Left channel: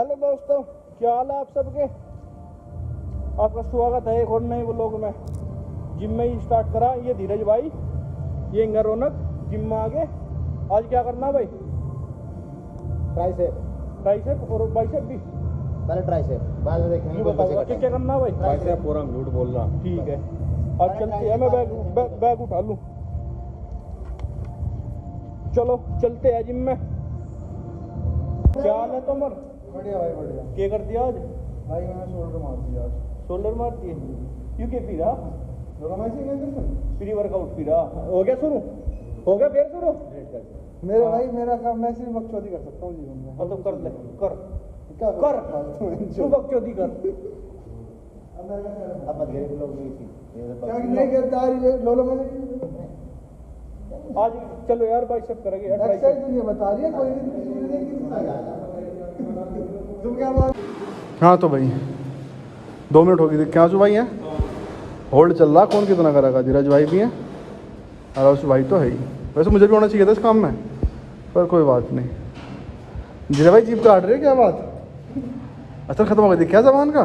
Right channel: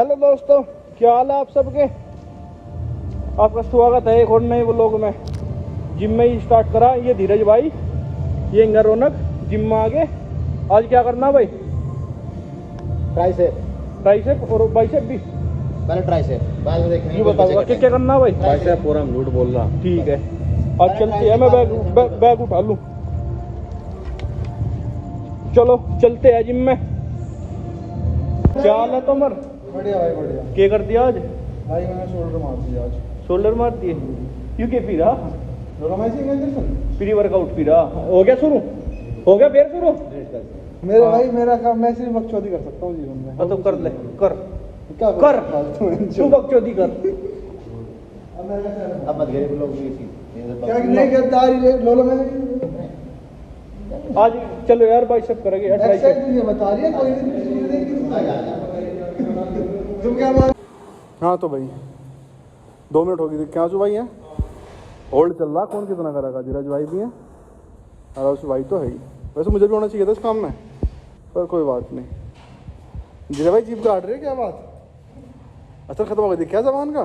Hello दोस्तों, क्या हाल है आप सबके। आपका स्वागत है एक और नए व्लॉग में। जिम में ही स्टार्ट करा ये धीरज भाई, ये इंगर रौनक जिम में आगे। आज क्या करना भाई? ट्राइसेप और बाइसेप भी। पहले ट्राइसेप बाद में देखना। ये बताऊंगा क्या करना भाई। ट्राइसेप पूरा हम झूठ बोल रहा। ठीक है, आज चलते हैं। मैं बैग उठा लूँ। चलो चलते हैं जिम में। क्या हाल है तुम्हार? बढ़िया भाई बढ़िया। क्या कर दिया आज भाई मैंने शोल्डर मार दिया आज। शोल्डर मार दिए क्यों? के फिर प्री वर्कआउट फिर हो गया शुरू? हो गया फिर शुरू? मेरे भाई मेरा काम, मैं सिर्फ बकचोदी कर सकता हूँ जीवन में। तो कर ले, कर क्या कर तू बकचोदी कर। अब मत गरीब लोग क्या नहीं करता लोलो में आज चलो यार बाइसेप करेंगे यार, एक्सरसाइज ट्राइसेप। मुझे बता रही है कोई नहीं। तुम क्या मान। हाँ तो भाई 2 मिनट हो गए थे। क्या जो भाई है होल्ड चल रहा, कौन कितना करेगा। धीरज भाई भी है और उस भाई तो है ही। वैसे मुझे भी होना चाहिए था इस काम में, पर कोई बात नहीं। धीरज भाई जीप काट रहे क्या बात? असर खत्म हो गई क्या जबान का?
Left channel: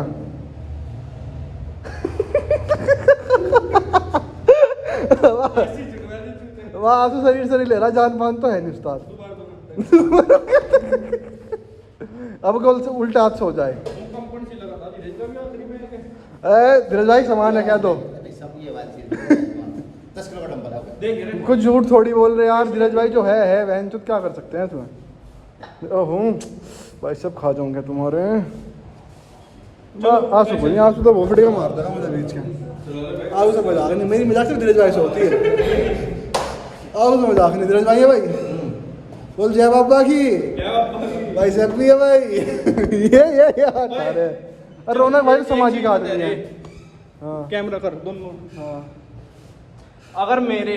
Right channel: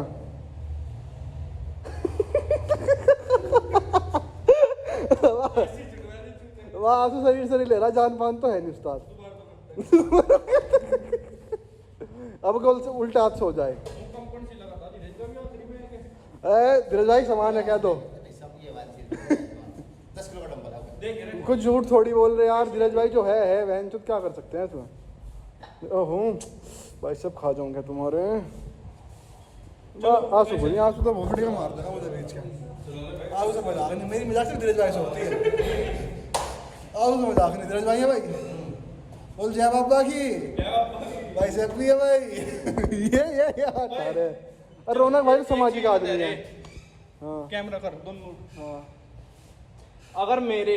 वाह आंसू शरीर ले रहा, जान मान तो है नहीं उस्ताद। अब कल से उल्टा हाथ से हो जाए। धीरज भाई सामान है क्या? तो सब ये बात 10 किलो का डंबल है। कुछ झूठ थोड़ी बोल रहे यार। धीरज भाई जो है वहन चुत क्या कर सकते हैं तुम्हें। ओहो भाई सब खा जाऊंगे तुम्हारे। आंसू बोलिए, आंसू तो वो वीडियो मार देगा मुझे बीच के। आंसू से मजाक नहीं, मेरी मजाक सिर्फ धीरज भाई से होती है। आंसू से मजाक नहीं। धीरज भाई है भाई, बोल जय बाबा की। भाई सब भी है भाई। ये अरे रौनक भाई सामाजिक आदमी है। कैमरा कर दोनों। अगर मेरे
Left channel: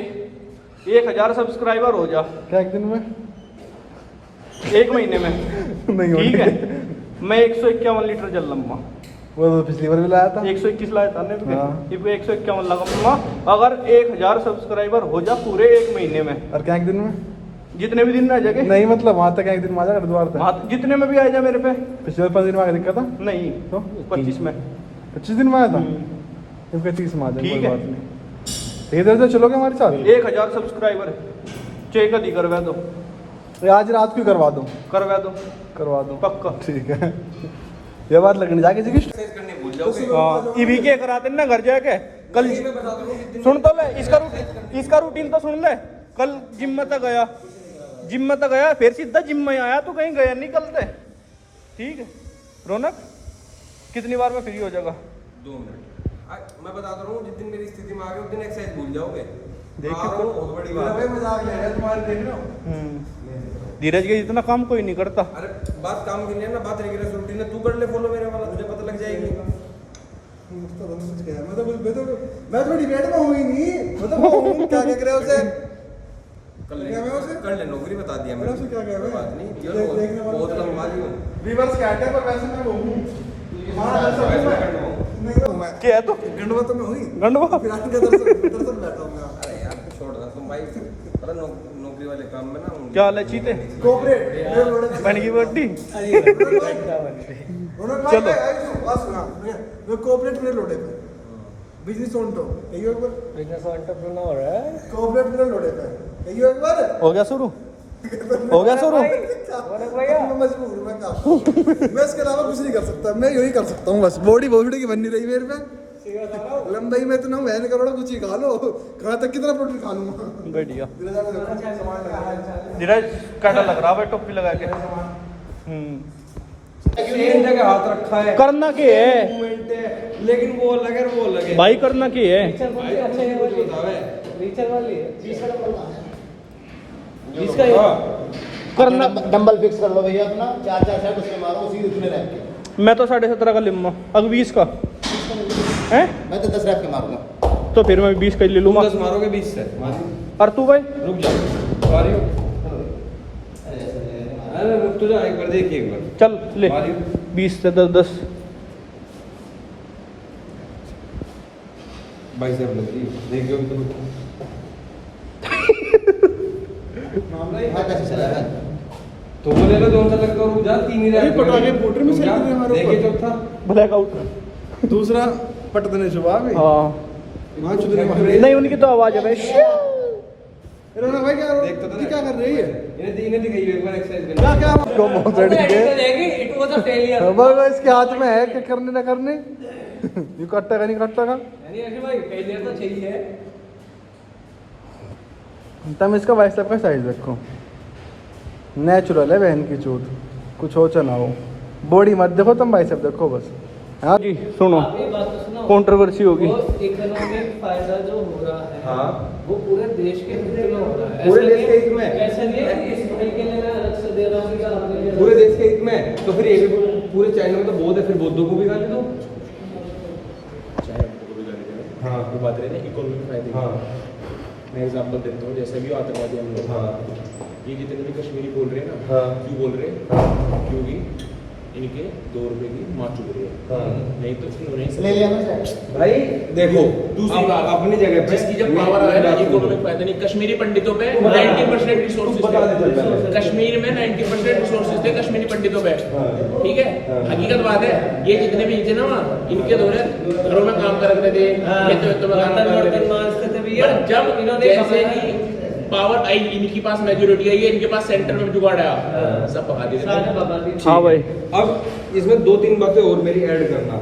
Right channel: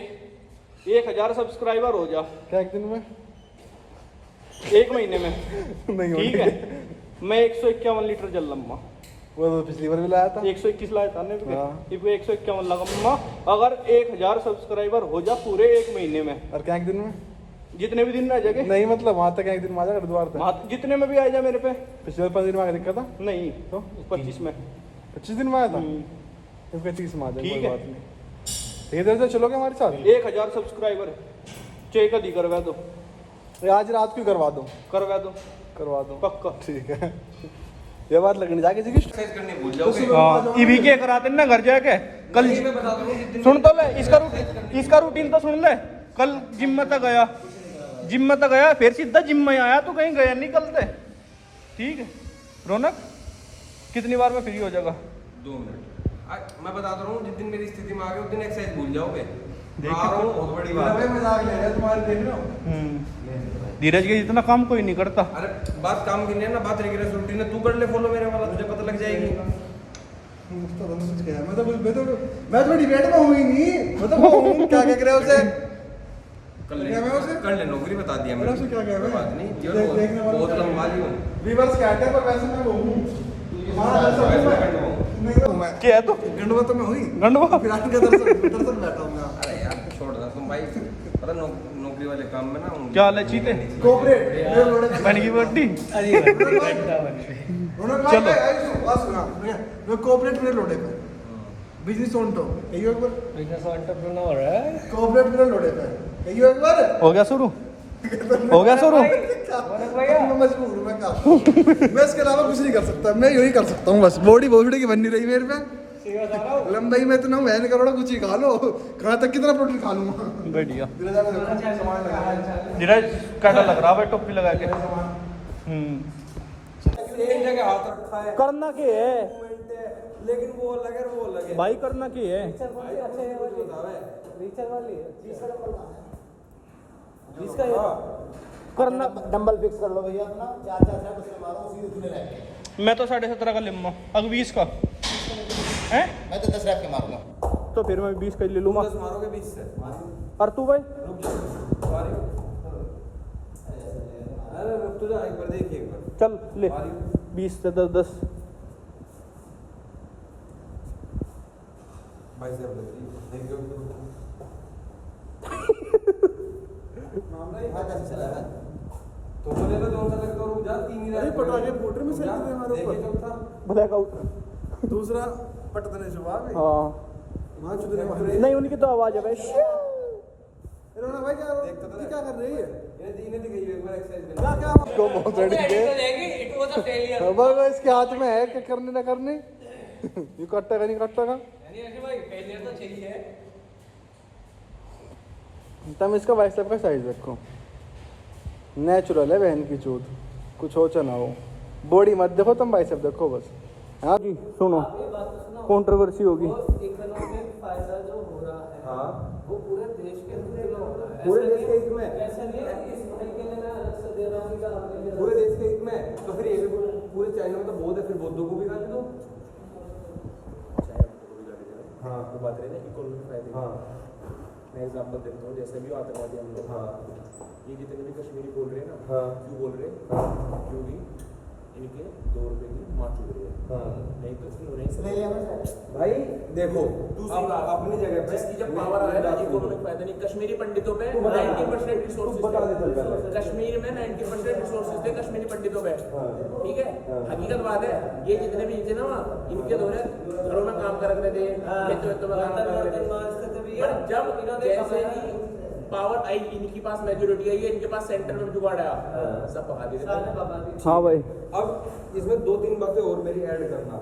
1000 सब्सक्राइबर हो जा क्या एक दिन में? 1 महीने में नहीं ठीक है, मैं 151 लीटर जल लूंगा। वो तो पिछली बार भी लाया था। 121 लाया था ने, हाँ। ये 151 लगाऊंगा अगर 1000 सब्सक्राइबर हो जा पूरे 1 महीने में। और क्या एक दिन में? जितने भी दिन में आ जाएंगे। नहीं मतलब वहाँ तक एक दिन में आ जाएगा द्वार तक। जितने में भी आ जा मेरे पे। पिछले 5 दिन में आगे दिक्कत था। नहीं तो 25 में। 25 दिन में आया था। इनका 30 में आ जाएगा। ठीक कोई है। बात नहीं। इधर से चलोगे हमारे साथ? 1000 सब्सक्राइबर चेक अधि करवा दो। तो आज रात को करवा दो। करवा दो पक्का। ठीक है। ये बात लगनी जाके जी करने भूल जाओगे। हाँ ईवी के कराते ना घर जाके। कल सुन तो ले इसका रूटीन तो सुन ले। कल जिम में तक गया फिर सीधा जिम में आया। तो कहीं गया नहीं कल से। ठीक है रौनक, कितनी बार में फ्री हो जाएगा? 2 मिनट। मैं बताता रहा हूँ, जिस दिन मेरी स्थिति में आ गए उस दिन एक्सरसाइज भूल जाओगे। देखिए तो बहुत बड़ी बात है। मजाक ले रहे तुम्हारे, देख रहे हो। धीरज के जितना काम कोई नहीं करता। अरे बात काम की नहीं है ना, बात रेगुलर रूटीन है। तू कर ले फॉलो मेरे वाला, तुझे पता लग जाएगी। मैं तो डिबेट में हुई नहीं। मतलब क्या कह रहे हो उसे? कर ले क्या मैं उसे? कर ले, नौकरी बता दिया मैंने उसे क्या कहा है? कोई बात नहीं, ये देखने वाला बहुत क्या है? लंबा ही हूँ। वीवर्स क्या है पर वैसे मैं वो हूँ। क्या है तो गंडवा तो मैं हुई। गंडवा फिर आगे दरअसल बैठा हूँ मैं। अरे यार छोड़ दो तुम भाई, पता नौकरी वाले काम में ना क्या हाल है चीते? कोऑपरेट मेरे लोड़े बन की बड्डी। चलो मैं कोऑपरेट मेरे लोड़े पे बिजनेस ओनटो कहियो एक बार। बिजनेस एंटरप्रेन्योर है। कोऑपरेट मेरे लोड़े पे कहियो एक बार। हो गया शुरू? मैं मजबूर हूँ, मैं काम मैं इसके अलावा कुछ नहीं कर सकता। मैं यही कर सकता हूँ बस। बॉडी की बन नहीं रही मेरे पे। लंबाई में इतना मैं नहीं करोड़ा कुछ ही खा लो। कहाँ तक कितना प्रोटीन खा लूंगा। बढ़िया। धीरज काटा लग रहा है टोपी लगा के। सेम जगह हाथ रखा है, करना क्या है मूवमेंट है, लेकिन वो अलग है वो अलग है भाई? करना क्या है? भाई अच्छे से कुछ बतावे। करना डंबल फिक्स कर लो भैया अपना, 4-4 सेट उसके मारो, उसी उतने रैप के। मैं तो 17.5 का लिम्मा, अब 20 का है। मैं तो 10 रैप के मारूंगा। तो फिर मैं 20 का ही ले लूंगा। 10 मारोगे 20 से और तू भाई? रुक जा, मारियो। अरे रुक तो जा, एक बार देखिए एक बार। चल ले मारियो 20 से 10 भाई साहब लग रही देखियो तो हाँ, 10 चला है। तो वो ले लो जो सा लगता है, जा 3 ही अरे पटाखे फूट रहे, मिसाइल गिर रहे हमारे देखिए ऊपर। चौथा ब्लैकआउट। दूसरा पटकने शुभा भी हाँ वहाँ चुदने मारे नहीं, उनकी तो आवाज है भाई। रोना भाई क्या देख तो ये क्या कर रही है इन्हें दिखाई एक बार एक्सरसाइज करना। क्या क्या इसको बहुत के इट वाज अ फेलियर। अब इसके हाथ में है क्या करने ना करने ये कटता का नहीं कटता का यानी अखिल भाई फेलियर तो चाहिए। तुम इसका बाइसेप का साइज देखो, नेचुरल है बहन की चूत, कुछ हो चाहे ना हो। बॉडी मत देखो तुम, बाइसेप देखो बस। हाँ जी सुनो, आप ये बात तो सुनो, कंट्रोवर्सी होगी। वो इकोनॉमिक फायदा जो हो रहा है हाँ। वो पूरे देश के हित में हो रहा है। पूरे ऐसा देश के नहीं- हित में। ऐसा नहीं है कि इस भाई के लिए मैं अलग से दे रहा हूँ या आपके लिए पूरे देश के हित में, तो फिर ये भी पूरे चाइना में तो बौद्ध है, फिर बौद्धों को भी गाली दो। हाँ वो बात रहे ना इकोनॉमिक फायदे की। हाँ मैं एग्जांपल देता हूँ, जैसे भी आतंकवादी हम लोग, हाँ ये जितने भी कश्मीरी बोल रहे हैं ना, हाँ। क्यों बोल रहे हैं? हाँ क्योंकि इनके 2 रुपए की माँ चुभ रही है, हाँ। नहीं तो इन्होंने ले लिया ना सर। भाई देखो, दूसरी आप बात, अपनी जगह पे जिसकी जब पावर आ रहा है इकोनॉमिक फायदा नहीं, कश्मीरी पंडितों पे 90% रिसोर्सेज बता दे चल थे, पहले। कश्मीर में 90% रिसोर्सेज थे कश्मीरी पंडितों पे, ठीक है। हकीकत बात है, ये जितने भी थे ना वहाँ, इनके दौरे घरों में काम कर रहे थे, खेतों में काम कर रहे थे। पर जब जैसे ही पावर आई, इनके पास मेजोरिटी आई है, इनके पास सेंटर में जुगाड़ आया, सब भगा दिए। हाँ भाई, अब इसमें 2-3 बातें और मेरी ऐड करना।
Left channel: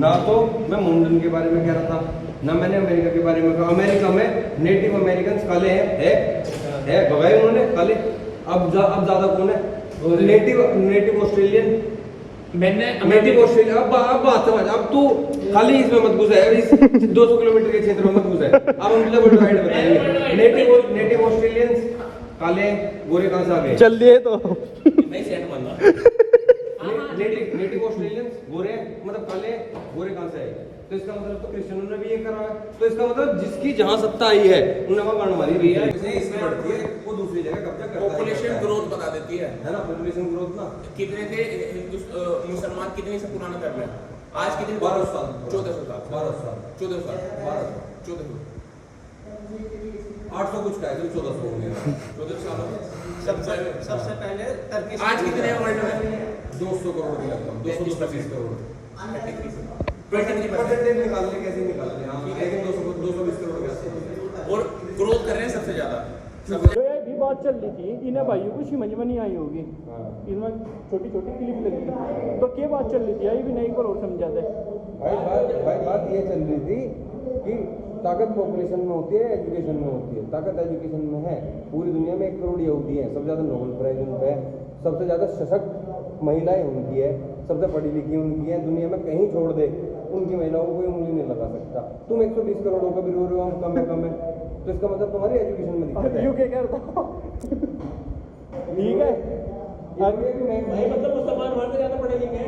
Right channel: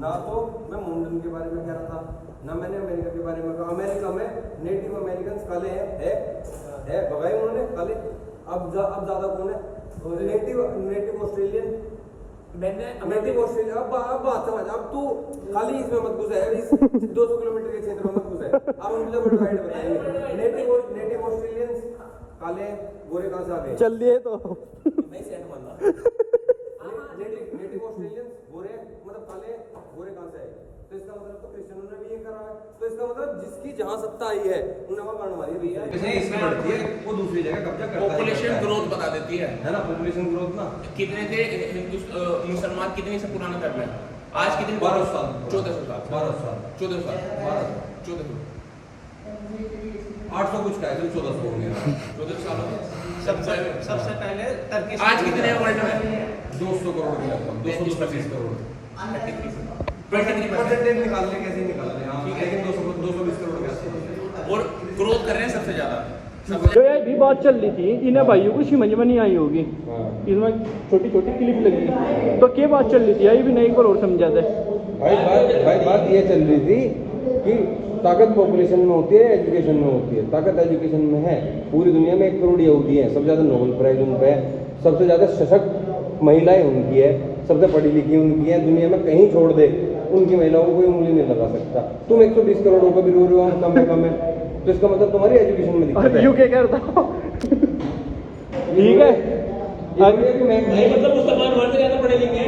ना तो मैं मुंडन के बारे में कह रहा था, ना मैंने अमेरिका के बारे में कहा। अमेरिका में नेटिव अमेरिकन काले हैं, भगाए उन्होंने काले। अब ज्यादा कौन है? नेटिव ऑस्ट्रेलियन, मैंने नेटिव ऑस्ट्रेलिया। अब बात समझ, अब तू खाली इसमें मत घुस है, इस 200 किलोमीटर के क्षेत्र में मत घुस है। अब हम तुझे वर्ल्ड वाइड बताएंगे। नेटिव ऑस्ट्रेलियंस काले गोरे कहाँ से आ गए? चल दिए तो। नहीं सेट मानना। नेटिव ऑस्ट्रेलियंस गोरे, मतलब काले गोरे कहाँ से आए? तो इसका मतलब तो क्रिश्चियनों ने भी ये करा है। तो इसका मतलब जिसकी जहाँ सत्ता आई है उन्होंने वहाँ गांड मारी है। इसमें बढ़ती है, वो दूसरी जगह कब्जा करता है। पॉपुलेशन ग्रोथ बता देती है ना, पॉपुलेशन ग्रोथ ना। कितने थे मुसलमान, कितने से पुराना धर्म है आज, कितने? 1200 साल। 1400 साल, 1200 साल, 1400 साल, 1400 800 कुछ का है, 1400 हो गया। 1400 साल हो गए। सबसे पहले टर्किश आज कितने हैं वर्ल्ड में? 200 करोड़ के लगभग, 225 करोड़। 23%। परसेंटेज निकाल ले, कैसे निकाल ले? हाँ, लेकिन 220 करोड़ के आसपास। और ग्रोथ कर रहे हैं सबसे ज्यादा। जो यार भी बात चल रही थी, इन्हें भाइयों को समझ में नहीं आई होगी। इसमें छोटी छोटी क्लिप लगी, तो क्या बात चल रही थी? आई भी नहीं, एक बार और समझा दे। भाई बात ये चल रही थी कि ताकत पॉपुलेशन में होती है, एजुकेशन में होती है। ताकत एजुकेशन में है। पूरी दुनिया में 1 करोड़ यहूदी हैं, सबसे ज्यादा नोबेल प्राइज उन पे है, सबसे ज्यादा सशक्त महिलाएं उनकी है, सबसे पढ़ी लिखी उनकी है। दुनिया में कहीं छोड़ दे, उनकी महिलाओं को कोई उंगली नहीं लगा सकता। तुम 120 करोड़ का भी रो रहे हो, कम है, तो इसका मतलब तुम्हारी एजुकेशन में दिक्कत है। यू क्या करता? ठीक है, मतलब मुसलमान वर्ल्ड से ज्यादा पढ़े लिखे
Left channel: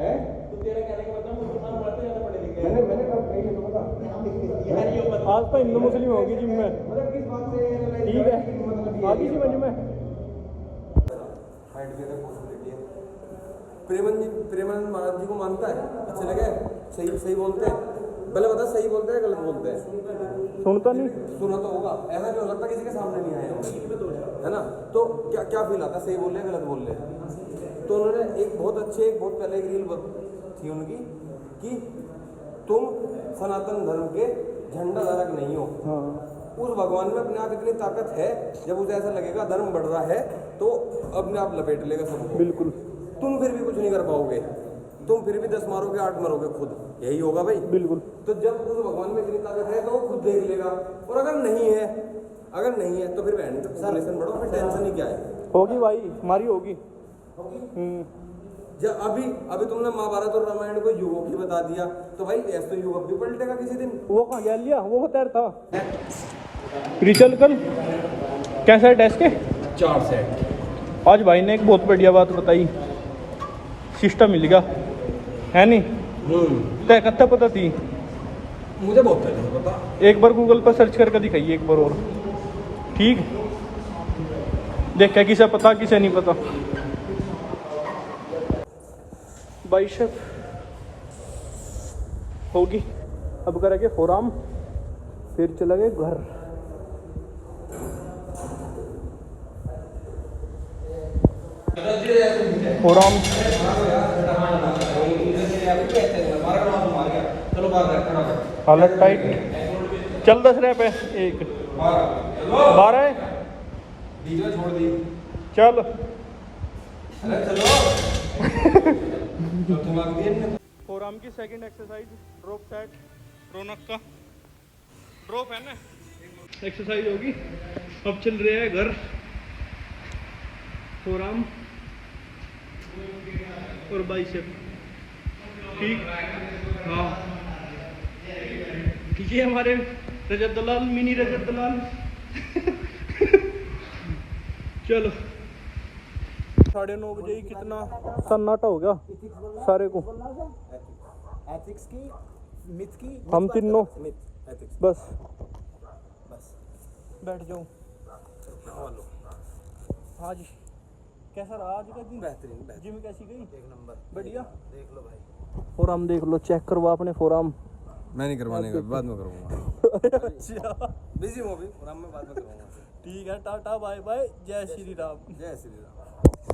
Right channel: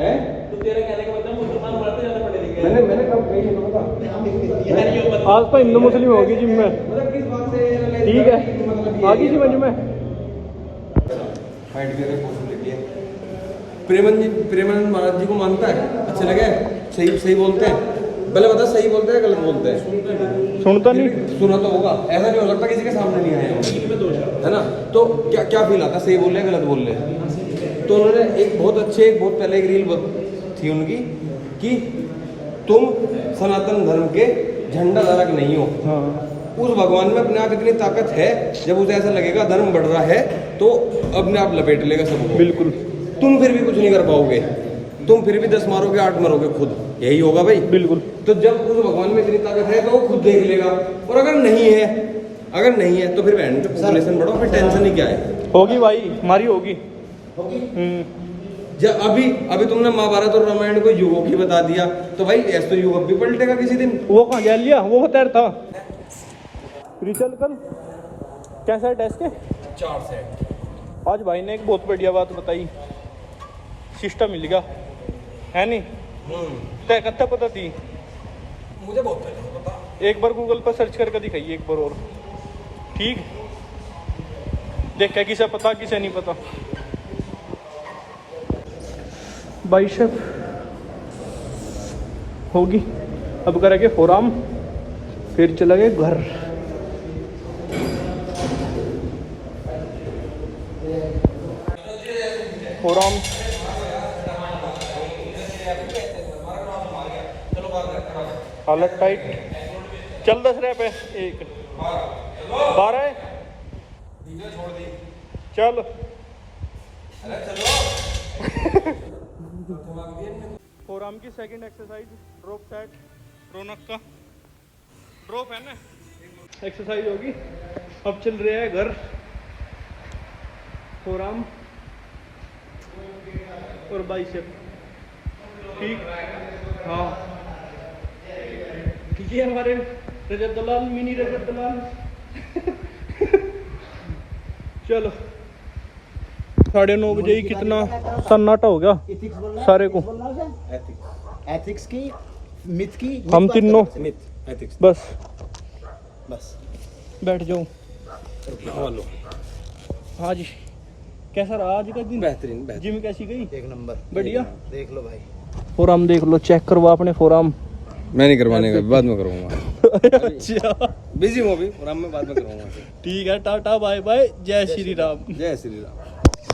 हैं। तो तेरे कहने का मतलब मुसलमान वर्ल्ड से ज्यादा पढ़े लिखे हैं। मैंने कब कही नहीं पता। आज तो हिंदू मुस्लिम होगी जिम में। मतलब किस बात से? ठीक है, आगे समझ में। फाइट के पॉसिबिलिटी है। प्रेमानंद महाराज जी को मानता है, अच्छे लगे, सही बोलते हैं। पहले बता, सही बोलते हैं गलत बोलते हैं? सुनता नहीं। सुना तो होगा, ऐसा नहीं हो सकता किसी के सामने नहीं आए होंगे, है ना? तो क्या फील आता, सही बोल रहे हैं गलत बोल रहे हैं? तो उन्होंने एक बहुत पहले एक रील थी उनकी कि तुम सनातन धर्म के झंडा धारक नहीं हो। उस भगवान में अपने आप इतनी ताकत है, जब उसे ऐसा लगेगा धर्म बढ़ रहा है तो अपने आप लपेट लेगा सबको। बिल्कुल। तुम फिर भी कुछ नहीं कर पाओगे, तुम फिर भी 10 मारोगे, 8 मरोगे खुद, यही होगा भाई। बिल्कुल। तो जब उस भगवान में इतनी ताकत है तो वो खुद देख लेगा। और अगर नहीं है तो फिर बहन पे पॉपुलेशन बढ़ो, फिर टेंशन ही क्या है? होगी भाई, हमारी होगी। जब अभी तुमने महाभारत और रामायण को युगों की बता दिया, तो भाई ऐसा तो युग अब भी पलटेगा किसी दिन। वो कहाँ जा लिया? वो होता था रिचल कर कैसा है टेस्ट के 4 सेट। आज भाई ने एक बहुत बढ़िया बात बताई, सिस्टम मिल गया है नहीं? तय कत्ता पता थी? मुझे बहुत पहले से पता। एक बार गूगल पर सर्च करके दिखाइए एक बार और, ठीक? देख क्या किसे पता किसे नहीं पता। बाइसेप होगी, अब करेंगे फोराम, फिर चला गए घर। फोरआर्म हालत टाइट। चल 10 रैप है एक 12 है छोड़ दी। चल फोरआर्म की सेकंड एक्सरसाइज ड्रॉप सेट रौनक का ड्रॉप है ना एक्सरसाइज होगी। अब चल रहे हैं घर फोरआर्म और बाइसेप ठीक। हाँ ये हमारे रजत दलाल मिनी रजत दलाल चलो 9:30 बजे ही कितना सन्नाटा हो गया सारे को। एथिक्स की मिथ की हम तीनों एथिक्स बस बस बैठ जाओ। हाँ जी कैसा रहा आज का दिन? बेहतरीन जिम कैसी गई? एक नंबर बढ़िया। देख लो भाई फोरआर्म देख लो चेक करवा अपने फोरआर्म। मैं नहीं करवाने का, बाद में करूँगा। अच्छा बिजी हूँ अभी, आराम में बाद में करूँगा। ठीक है टाटा बाय बाय जय श्री राम। जय श्री राम।